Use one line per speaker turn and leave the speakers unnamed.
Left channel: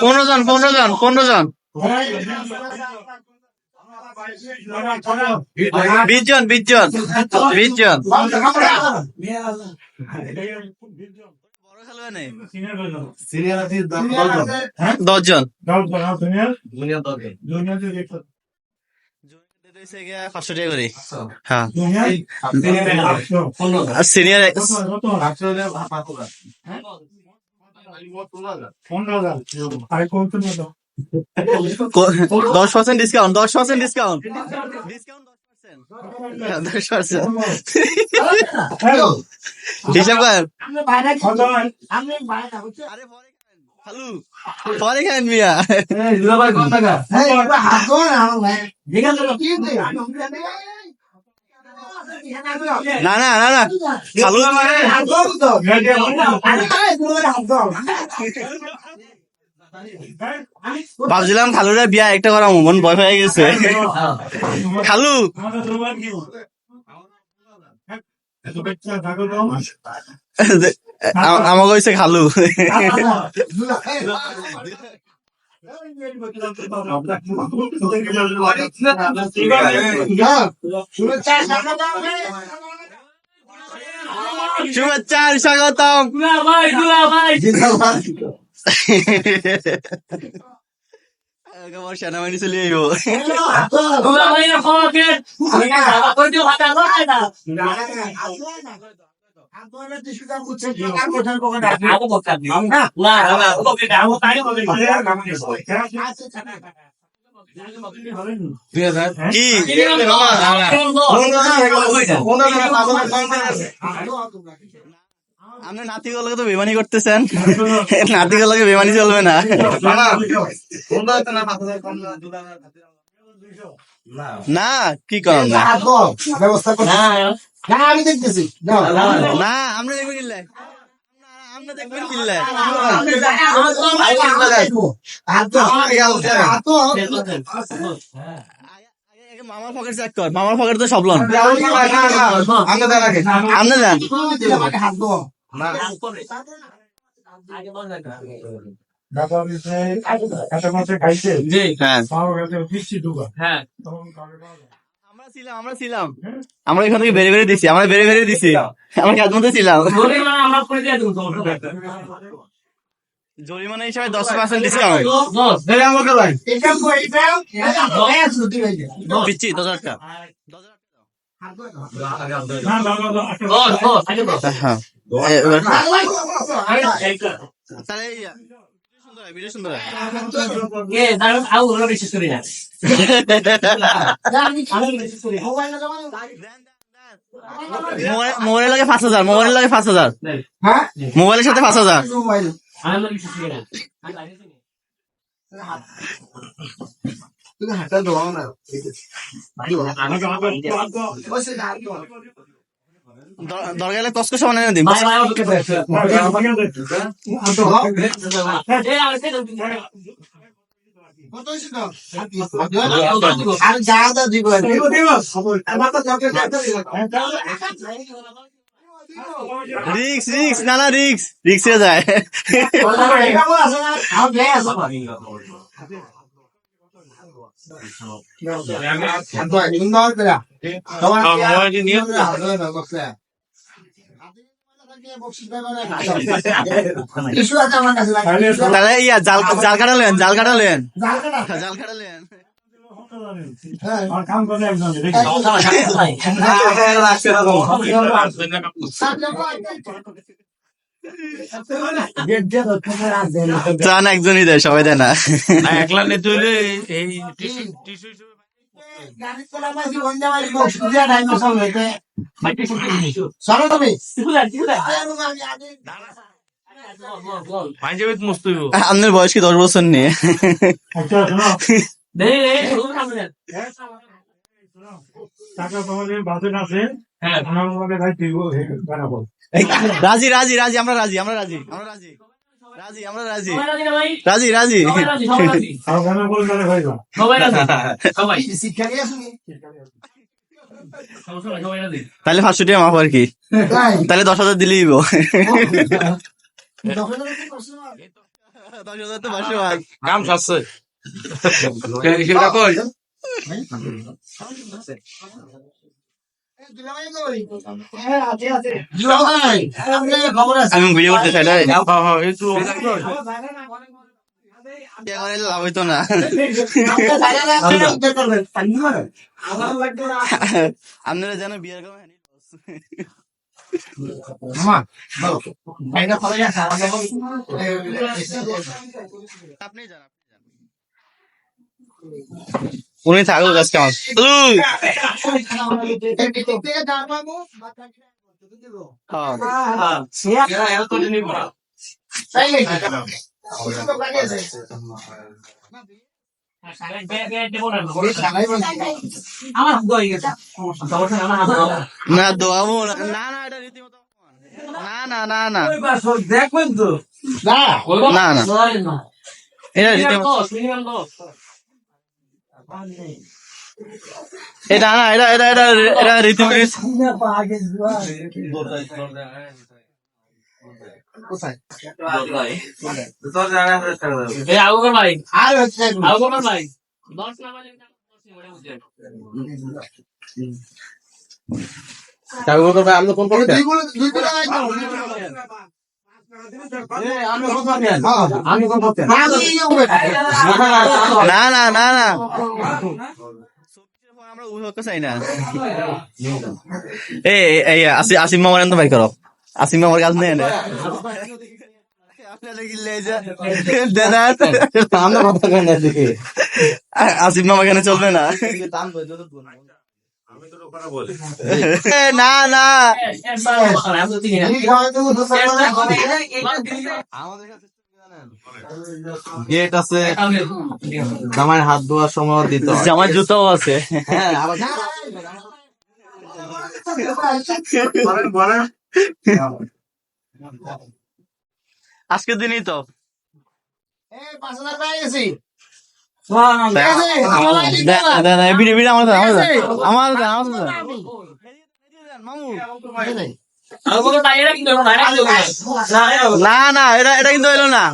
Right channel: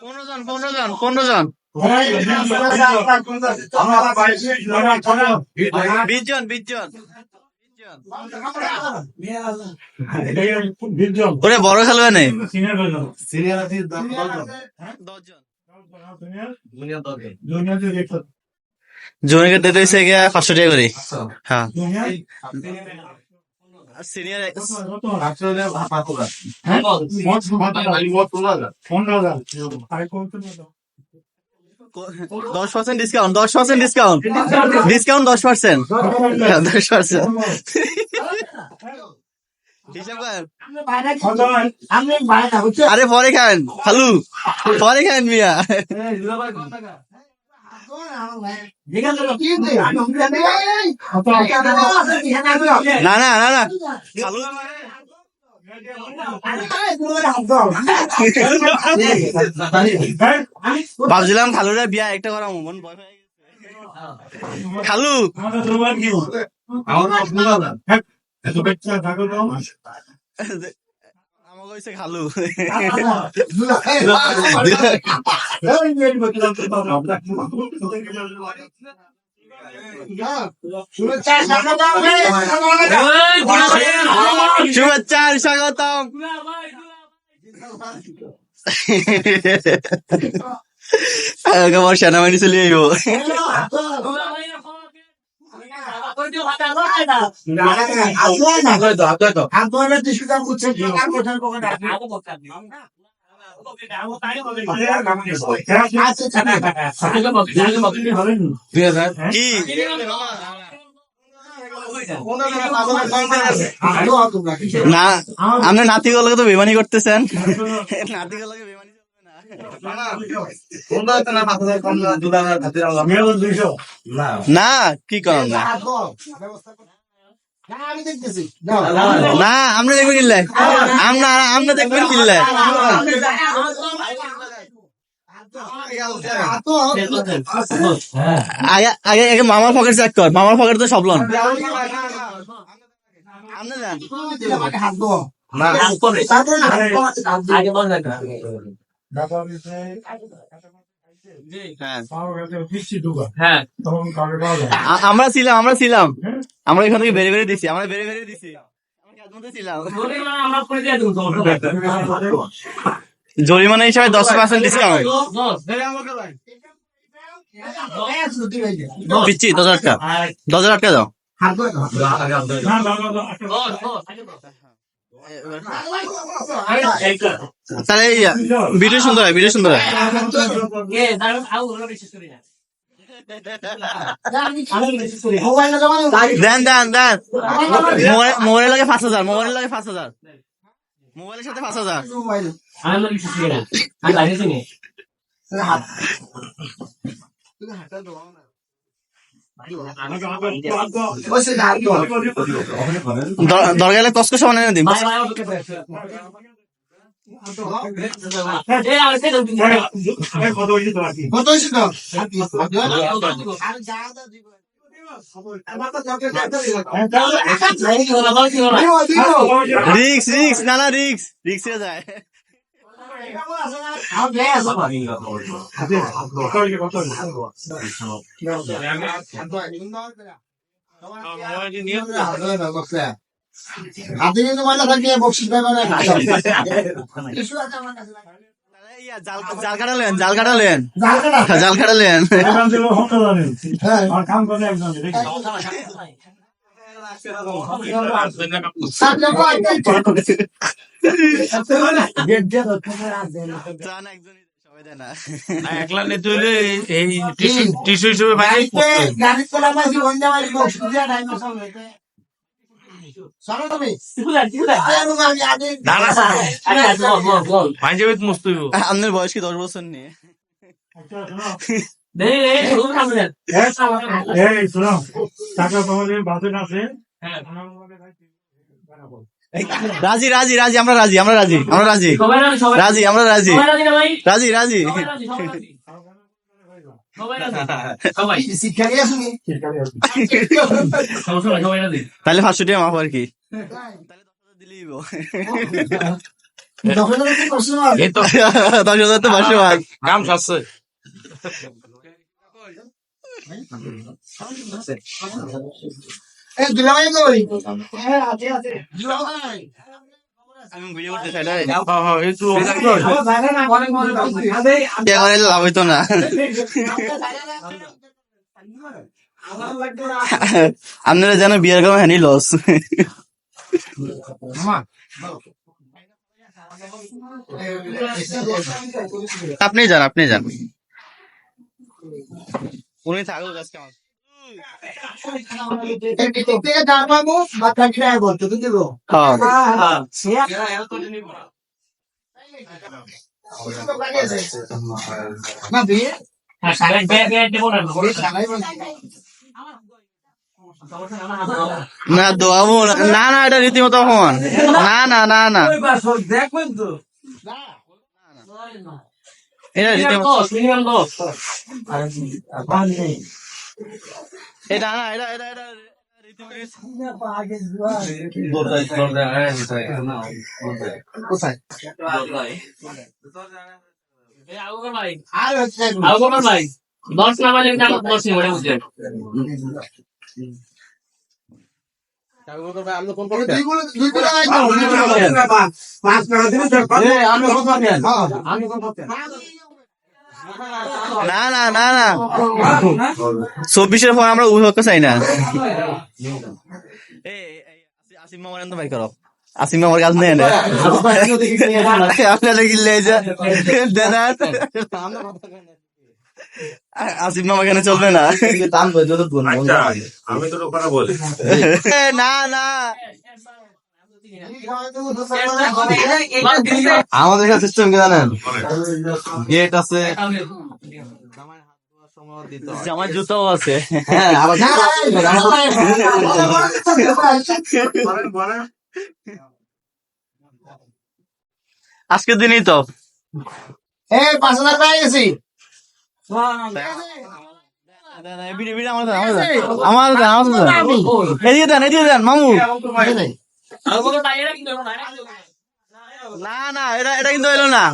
পনেরো জন পনেরো জন পনেরো জন। বিশ জন বিশ জন বিশ জন। ওরে বড় খেলবে নেই।
সিনিয়র আছে
দশ জন। জুনিয়রকে দিতে হয়েছে গিয়া পাঁচশো টাকা করে হ্যাঁ? সিনিয়র দশ পার্সেন্ট ডিসকাউন্ট দশ পার্সেন্ট ডিসকাউন্ট ডিসকাউন্ট দশ পার্সেন্ট দশ পার্সেন্ট হিসাব আরে পরে খান খালু পরে খান মিয়া। না না না না খালু ভাবছিলাম খালুরা বিয়া একটা করা মন ভয় হয়ে গেছে। খালু আ- আমাকে হয়েছে খালু। শুভেচ্ছা স্বাগতম। আমার সেনাবাহিনী চলে আইব কি না আপনি নাতিগুলোকে তো বেমানি করতেছেন নাতিগুলোকে বেমানি চলবে না না কি করেন না
আমি দেখতেছি
না আপনি দেখবেন কিনলে আমরা আমরা দেখবেন কিনলে আগে আগে আগে মামার পকেট চেক কর মামার পকেট তো সব লন আপনি যান হ্যাঁ আ- আমরা ছিলাম আমরা ছিলাম আমরা এখান থেকে বেড়ে বেড়ে দিছি আমরা বেড়ে বেড়ে দিছি আমরা কাজ মধ্যে ছিলাম জরিমানা হিসাবে দশ পার্সেন্ট ডিসকাউন্ট পিচ্ছি দশ হাজার টাকা দশ হাজার টাকা দাও হ্যাঁ তাহলে ভিডিও সুন্দর হয় ভিডিও সুন্দর হয়। দেন দেন দেন। মোবাইল- মোবাইলের লাগে পাঁচ হাজার মোবাইলের লাগে পাঁচ হাজার। মোবাইলের সাথে পাঁচ হাজার। দর- দরকার হলে কষ্ট সমান এনে দিন
কত হয়েছে তো? আর যা যা দিব
রিক্স রিক্স না না রিক্স রিক্স যায়। জাল জাল কাটালেন জাল কাটালেন
জাল কাটা
জাল কাটালেন
হ্যাঁ
ত্রাণ একজনই দেয় সবাই দেয় না।
একলা নিতে হইলে এই টিস্যু হিসেবে
আপনার বয়স কি দশ বছর নিয়ে?
টাকা তোমাদের বাজেট আছে।
হ্যাঁ।
আমরা রাজি রাজি রাজি আমরা রাজি আমরা রাজি আমরা রাজি।
রাজি
আমরা রাজি।
রাজি
রাজি তাহলে পাঁচশো টাকা মাফ আর কি। তাহলে দশ হাজার দিলেই দশ হাজার তো পাঁচশো মাফ।
কাম সেটা
হ্যাঁ
আমি করতে চাই না
হ্যাঁ হ্যাঁ
মনে
লাভ হইতো না
আপনার বাইরে না আপনি উদ্ধার করবেন পানি মারেন আমার লাগতো না
আপনারা জানো বিয়ের কামে হ্যানি লস আপনি যান আপনি যান উনি থাকুক আজকে আমার। হ্যাঁ।
না
দোয়াবো না। না না এটা রীতিমতো অপমান না না না না।
দেখবেন তো?
না
না। না
না।
এটা এটা না এটা এটা এটা এটা
ভাই দশ না বাজে দশ নিয়ে
না। না না না চব্বিশের পর আমরা উভয়কে চাই না। এই এই আসি আসিম মামার তো ভাই করো। আসিম মামার কাজ নেই না আপনারা কিনলে যে দেন আমরা কথা কেন দেখি আসিম মামা কেন চলবে না
আমি তো কথা বলি
এ, না না আমাদের কাছে সিস্টেম কি জানেন গেট আছে জামাই হাত ধোয়ার সময় দিতে জামাই জুতাও আছে হ্যাঁ আবার আজকের দিনই তো
এই পাঁচ হাজার গেছি
না না এটা এটা কিন্তু এলো না